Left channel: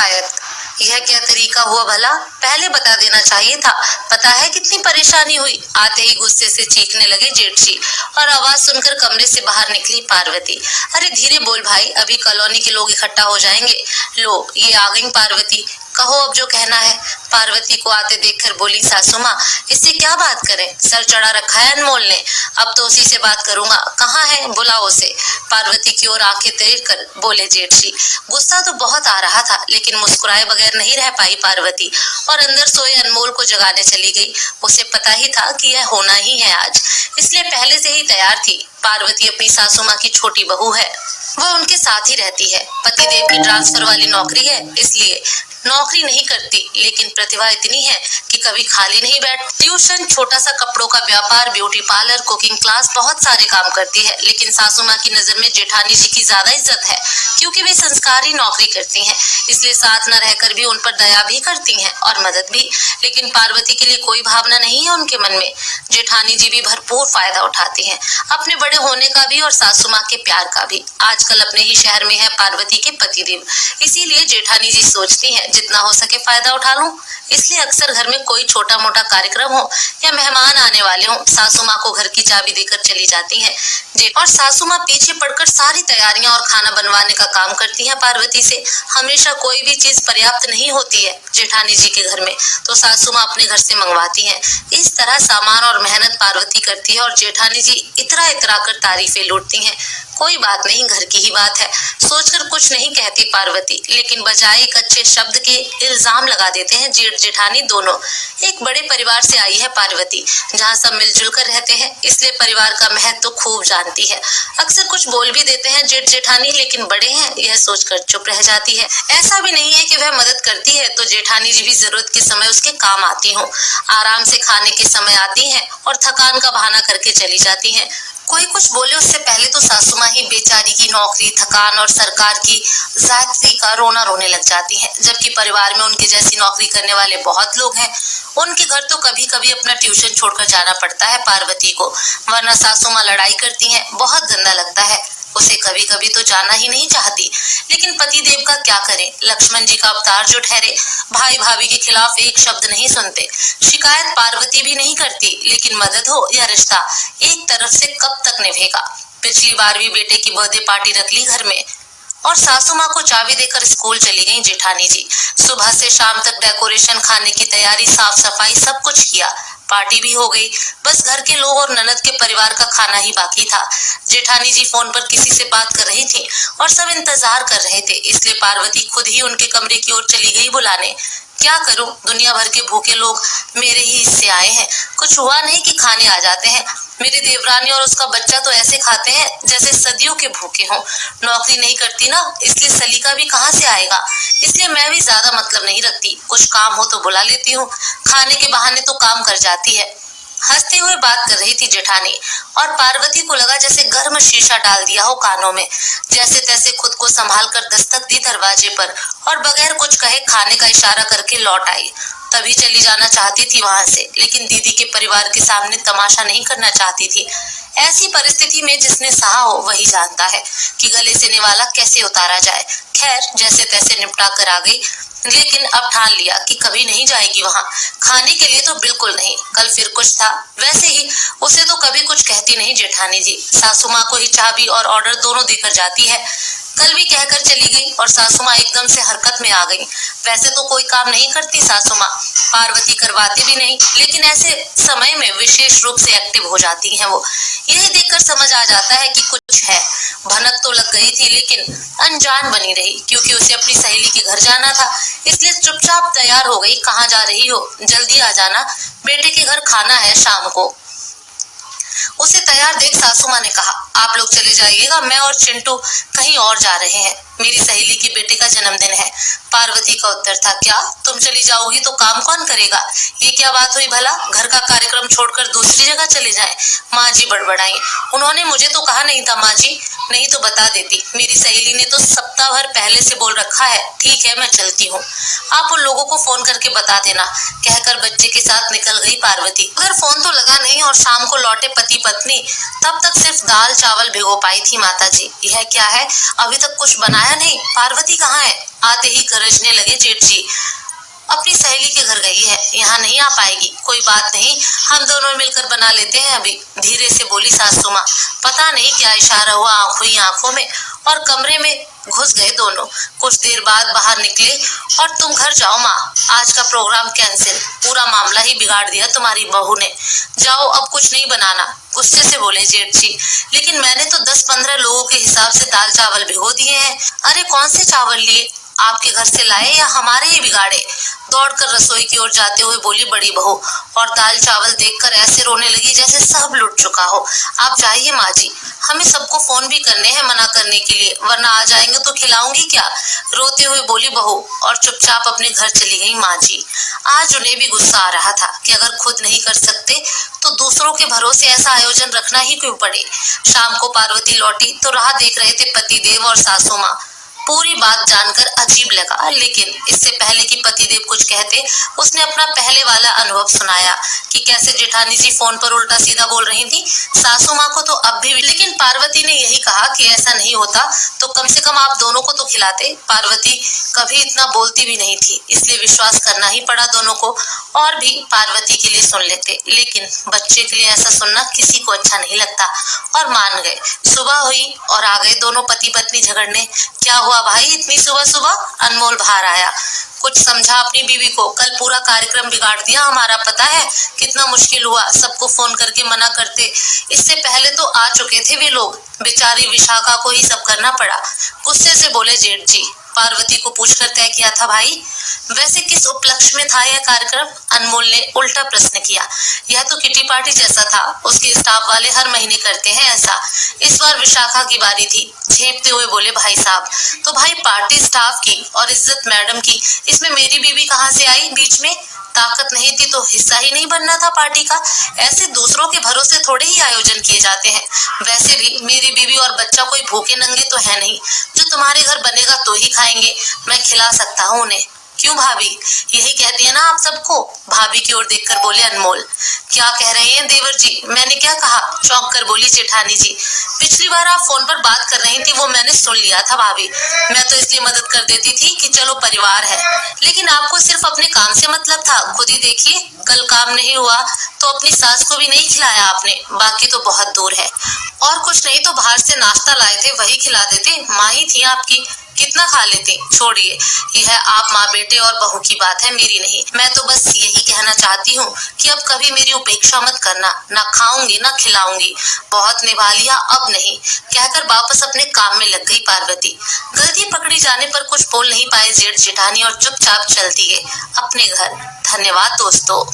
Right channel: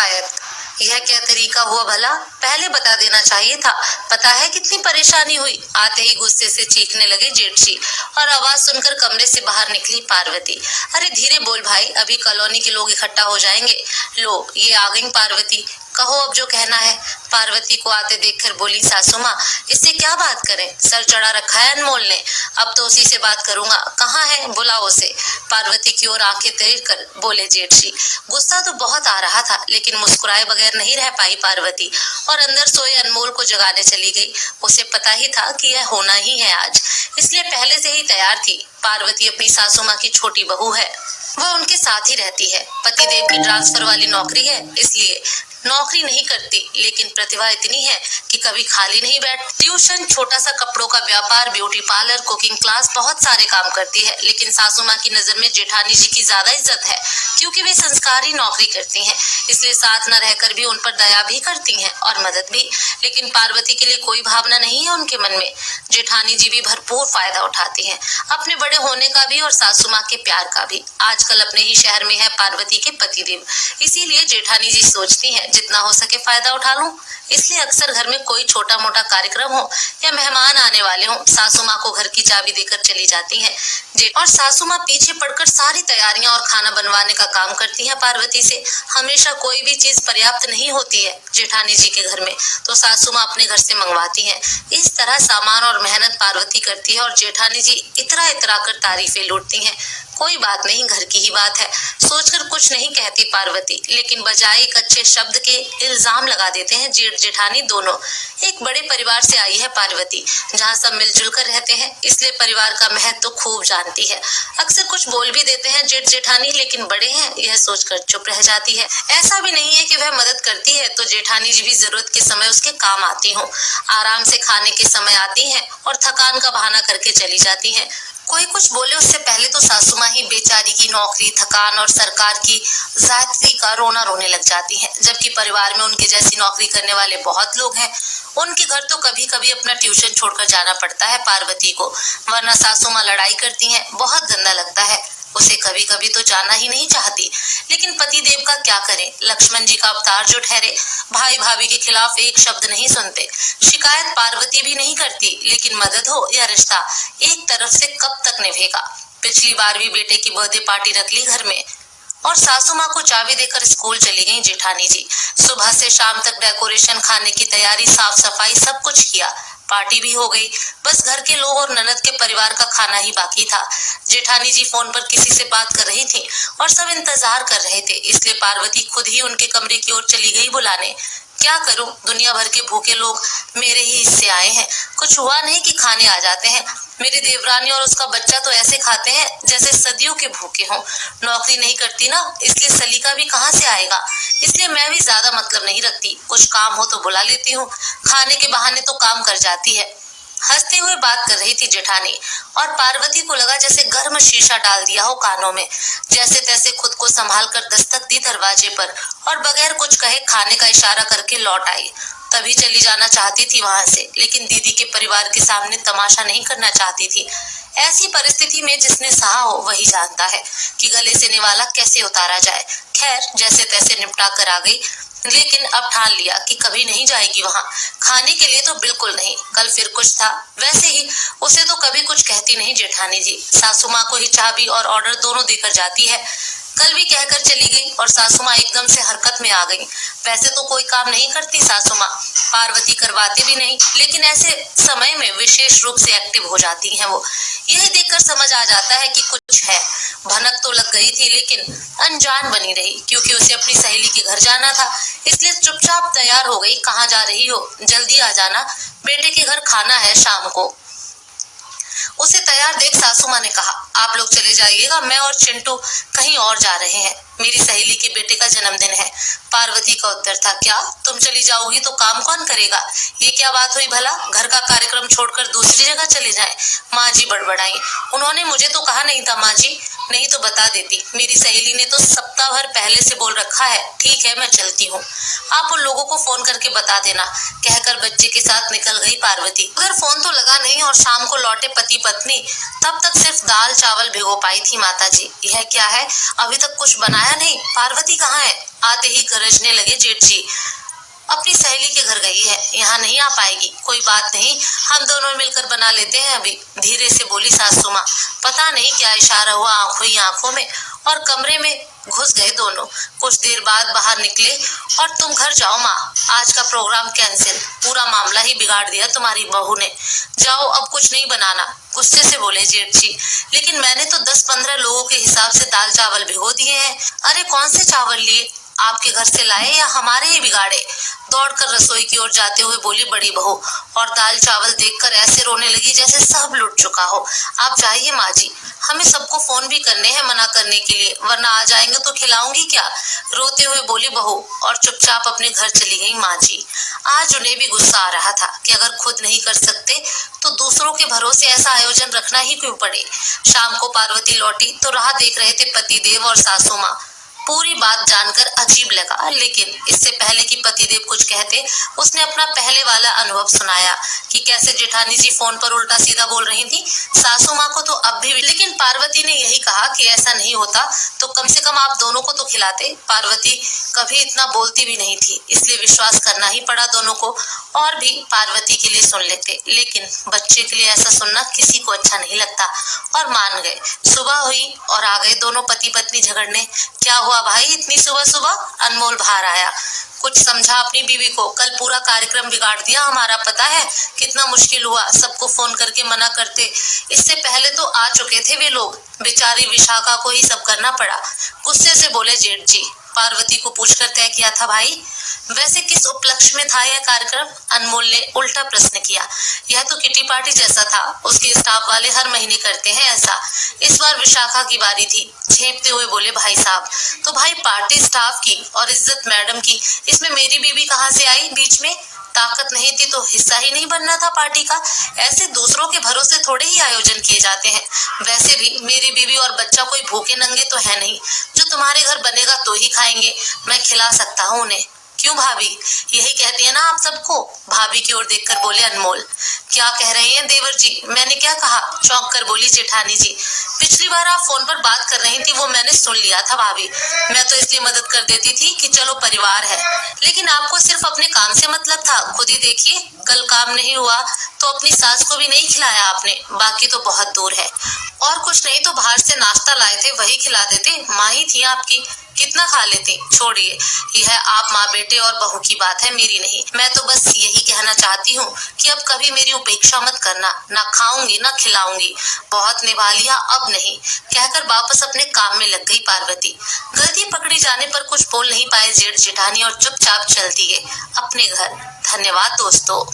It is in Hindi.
शिकायत। यह क्या तरीका हुआ भला, पहले बता देना चाहिए था। पता है कितनी परेशानी हुई। आते ही गुस्से से चीखने लगे जेठसी और आवाज सुनकर कमरे से बाहर निकली पार्वती। अरे धीरे बोल भाई, अभी कॉलोनी के लोग इकट्ठा हो जाएंगे। लो ये आ गई पार्वती, कहो अब जो कहना है। पार्वती को आते देखकर बोली सासू माँ, इससे क्या बात करें, सर चढ़ा रखा है अनमोल ने, अब तो उसी से बात करूंगा। कहाँ है, बुलाओ उसे। पार्वती की ओर आंखें तेज कर बोले जेठसी। गुस्सा तो बहुत आ रहा था, लेकिन मुस्कुराए बगैर नहीं रह पाई पार्वती और अंदर सोए अनमोल को जगाने चली गई। उसे पता ही था कि यह होना ही है आज, इसलिए पहले से ही तैयार थी। पार्वती अपनी सासू माँ की छोटी बहू है, वह उनके साथ ही रहती है। पतिदेव की ट्रांसफर वाली नौकरी है, इसलिए नौकरी नहीं करती, लेकिन प्रतिभा इतनी है कि कभी खाली नहीं बैठ। ट्यूशन, छोटा सा कपड़ों का व्यापार, ब्यूटी पार्लर, कुकिंग क्लास, बहुत सारे काम करती है। लेकिन सासू माँ की नजर में जेठानी जी की ज्यादा इज्जत है, क्योंकि वे संस्कारी नौकरी करती हैं, इसलिए साथ न रहकर भी उन पर दया भी करती हैं और मदद भी। लेकिन पार्वती के लिए कोई भावना नहीं है उनके मन में। जेठानी जी भी भरपूर फायदा उठाती हैं, अपने बड़े होने का भी और सासू माँ के प्यार का भी। आजकल अपने ही शहर में है पार्वती के पतिदेव, इसीलिए जेठानी जी सोचती हैं जितना हो सके फायदा उठा लूं। इसलिए अक्सर घर में कोई छोटा मोटा कार्यक्रम हो या मेहमान आने वाले हो, सासू माँ को घर की चाबी देकर चली जाती हैं। और सासू माँ पीछे पड़कर सारी तैयारियां और खाना बनवाने का काम करती हैं पार्वती से। हमेशा कोई भी चीज पर्याप्त नहीं होती है जेठानी जी के घर में, तो सासू माँ अपने घर से मंगवाती हैं। इस तरह सामान और मेहनत पार्वती करती है और जेठानी जी इतरा इतरा कर तारीफें लूटती हैं। कोई बात नहीं, घर की ही बात है, सोचकर कुछ नहीं कहती पार्वती, लेकिन बजाय एक अच्छे शब्द के इल्जाम लगा देते हैं जेठ जेठानी दोनों। एक बड़े परिवार से आई है पार्वती, जहाँ सब मिलजुल कर रहते हैं, इसलिए परिवार का महत्व तो खूब जानती है। अक्सर कुछ बोल भी देते हैं जेठ जेठानी, लेकिन बड़े हैं यह सोचकर चुप रह जाती है। ऐसा भी नहीं है कि वह मदद करती है तो जेठानी जी भी जरूरत के समय उसके काम आती हो। आराम से खाने के समय आती है और थकान का बहाना करके चली जाती है। कोई कुछ बोले उससे पहले तो सासू माँ ही बेचारी की नौकरी, थकान और सरकार की जायती का रोना रोने लग जाती हैं। जबकि परिवार में उनके जैसी नौकरी करने वाले बहुत लोग हैं। उनके घर तो कभी कभी अपना ट्यूशन छोड़कर जाना पड़ता है पार्वती को, वरना सासू माँ लड़ाई करती हैं, बहुत गंदा लगता है। उसे कभी कभी तो जाना ही नहीं चाहती, लेकिन पतिदेव का क्या करे, लक्ष्मण जी का अवतार जो ठहरे। भाई भाभी के खिलाफ एक शब्द नहीं सुनते। शिकायत पार्वती भी नहीं करती, लेकिन मदद हो या रिश्ता, एक तरफ से कब तक निभेगा। पिछली बार भी बेटे की बर्थडे पार्टी रख ली घर में और सासू माँ को चाबी देकर स्कूल चली गई जेठानी जी। सुबह से शाम तक डेकोरेशन, खाने की तैयारी, साफ सफाई, सब कुछ किया। पार्टी भी हो गई, बस घर के लोग और ननद के परिवार का खाना ही बाकी था। जेठानी जी फोन पर किसी से बात कर रही थी और सब इंतजार कर रहे थे, इसलिए पार्वती खुद ही उनके कमरे की ओर चली गई बुलाने। क्या करूं, दुनिया भर के भूखे लोग मेरे ही हिस्से आए हैं, कुछ हुआ नहीं कि खाने आ जाते हैं। मेरी देवरानी और उसका बच्चा तो ऐसे खाते हैं जैसे सदियों के भूखे हों। नौकरी नहीं करती ना, इसलिए सलीका भी कहाँ से आएगा, इसलिए मैं भी ज्यादा मतलब नहीं रखती। कुछ काम हो तो बुला लेती हूँ, खाने के बहाने तो काम कर जाती है। हंसते हुए बात कर रही थी जेठानी और पार्वती को लगा जैसे गर्म शीशा डाल दिया हो कानों में। जैसे तैसे खुद को संभाल कर दस्तक दी दरवाजे पर और बगैर कुछ कहे खाने का इशारा करके लौट आई। तभी चली जाना चाहती थी वहां से, लेकिन दीदी के परिवार के सामने तमाशा नहीं करना चाहती थी। ऐसी परिस्थिति में जिसने सहा हो वही जानता है कि गले से निवाला कैसे उतारा जाए। खैर जैसे तैसे निपटा कर आ गई, लेकिन अब ठान लिया कि कभी नहीं जाएगी वहां। खाने के लिए तो बिल्कुल नहीं, कल फिर कुछ था। वैसे ही उसे तो कभी कुछ कहती नहीं जेठानी जी, सासू माँ को ही चाबी और ऑर्डर दोनों देकर जाती है। कल भी कहकर चली गई और सासू माँ एकदम से हरकत में आ गई। वैसे तो कोई काम नहीं करती सासू माँ, पार्वती करवाती भी नहीं, लेकिन ऐसे समय में विशेष रूप से एक्टिव हो जाती हैं वो। यह देखकर समझ आ जाता है कि कुछ है। भनक तो लग गई थी, लेकिन अनजान बनी रही, क्योंकि उसे अपनी सहेली के घर जाना था, इसलिए चुपचाप तैयार हो गई। कहाँ जा रही हो, जल्दी आ जाना, बेटे के घर खाना है शाम को। उसे तैयार देख सासू माँ ने कहा, आप लोग चले जाइएगा, मैं और चिंटू कहीं और जा रहे हैं, मेरी सहेली के बेटे का जन्मदिन है। पार्वती का उत्तर था, क्या तुम चली जाओगी तो काम कौन करेगा, ये क्या बात हुई भला, घर का कार्यक्रम छोड़कर दूसरी जगह चले जाएं। माँ जी बड़बड़ाई, उन्होंने मुझे तो कहा नहीं था माँ जी, नहीं तो बता देती, मेरी सहेली ने तो सप्ताह भर पहले से बोल रखा है। ठीक है मैं चलती हूँ, आप उन लोगों को फोन करके बता देना, कहकर बच्चे के साथ निकल गई पार्वती। अगर फोन तो लगा नहीं और शाम को लौटे पति पत्नी, तब तक सिर्फ दाल चावल भिगो पाई थी माता जी। यह क्या है, अभी तक कुछ बनाया नहीं, पार्वती कहाँ है? आते ही गरजने लगे जेठ जी। अपनी सहेली के घर गई है, यहाँ नहीं आ पाएगी। कोई बात नहीं, हम दोनों मिलकर बना लेते हैं अभी, धीरे से बोली सासू माँ। पता नहीं क्या इशारा हुआ आंखों में और कमरे में घुस गए दोनों। कुछ देर बाद बाहर निकले और तुम घर जाओ माँ, आज का प्रोग्राम कैंसिल, पूरा मामला ही बिगाड़ दिया तुम्हारी बहू ने। जाओ, अब कुछ नहीं बनाना, गुस्से से बोले जेठ जी। लेकिन मैंने तो 10-15 लोगों के हिसाब से दाल चावल भिगो दिए हैं। अरे कौन से चावल लिए? आपके घर से लाए या हमारे ही बिगाड़े? दौड़कर रसोई की ओर जाते हुए बोली बड़ी बहू और दाल चावल देखकर ऐसे रोने लगी जैसे सब लुट चुका हो। आप जाइए माँ जी, हमें सबको फोन भी करने हैं मना करने के लिए, वरना आ जाएंगे तो खिलाऊंगी क्या? रोते हुए बोली बहू और चुपचाप अपने घर चली गई माँ जी। आज उन्हें भी गुस्सा आ रहा था कि अगर खुद नहीं कर सकते तो दूसरों के भरोसे ऐसा आयोजन रखना ही क्यों पड़े। शाम को पार्वती लौटी तो राह देख रहे थे पतिदेव और सासू माँ। पूरी बात जानकर अजीब लगा, लेकिन इससे पहले कि पतिदेव कुछ कहते उसने अपना पहले वाला अनुभव सुनाया कि कैसे जेठानी जी फोन पर उल्टा सीधा बोल रही थी सासू माँ को तो अब भी। लेकिन पार्वती ने यही कहा कि ऐसा नहीं होता तो कम से कम आप दोनों को तो खिलाते। पार्वती कभी इतना बोलती भी नहीं थी, इसलिए विश्वास करना ही पड़ा दोनों को। और भी पार्वती के लिए सुन लेते, लेकिन बच्चे के लिए ऐसा सुनना किसी को अच्छा नहीं लगता और मान गए। सुबह हुई और आ गए दोनों पति पत्नी झगड़ने। क्या हुआ भाई इतनी सुबह सुबह? अनमोल बाहर आया। कुछ समझा अपनी बीवी को, कल पूरा कार्यक्रम बिगाड़ दिया हमारा, पता है कितना मुश्किल हुआ सबको फोन करके मना करते। इससे पहले तो आ चुके थे वे लोग, बेचारी विशाखा को ही सब करना पड़ा। गुस्से से बोले जेठ जी। पार्वती को पूछकर तय किया था भाई? वैसे किस उपलक्ष्य में था यह कार्यक्रम? अनमोल ने उल्टा प्रश्न किया। यह तो किटी पार्टी जैसा था, उसके स्टाफ वाले हर महीने करते हैं ऐसा। इस बार विशाखा की बारी थी। झेपते हुए बोले भाई साहब। तो भाई पार्टी स्टाफ की और इज्जत मैडम की, इसमें मेरी बीवी कहाँ से आई बीच में? ताकत नहीं थी तो हिस्सा ही नहीं बनना था पार्टी का? ऐसे दूसरों के भरोसे थोड़े ही आयोजन किए जाते हैं। वैसे भी मेरी बीवी और बच्चा कोई भूखे नंगे तो है नहीं, जो तुम्हारे घर बनेगा तो ही खाएंगे, मैं खिला सकता हूँ उन्हें। क्यों भाभी, यही कहती है ना आप सबको? भाभी की ओर देखकर बोले अनमोल। क्या कह रहे हैं देवर जी? मैंने क्या कहा? चौंक कर बोली जेठानी जी। पिछली बार आप फोन पर बात कर रही थी वो मैंने सुन लिया था भाभी, मैं तो इसलिए मदद कर देती थी कि चलो परिवार है, लेकिन आपको सिर्फ अपने काम से मतलब था। खुद ही देखिए, कल काम नहीं हुआ तो अपनी सास को भी नहीं खिलाया आपने, बाकी तो बहुत दूर है। और कुछ नहीं तो बाहर से नाश्ता लाए थे वही खिला देते, माँ ही थी आपकी, कितना खा लेते। छोड़िए, यह आप माँ बेटे और बहू की बात है, मेरी नहीं। मैं तो बस यही कहना चाहती हूँ कि अब कभी मेरी उपेक्षा मत करना, ना खाऊंगी ना खिलाऊंगी, बहुत निभा लिया अब नहीं, कहकर वापस अपने काम में लग गई पार्वती। गलती पकड़ी जाने पर कुछ बोल नहीं पाए जेठ जेठानी और चुपचाप चल दिए अपने घर। धन्यवाद दोस्तों।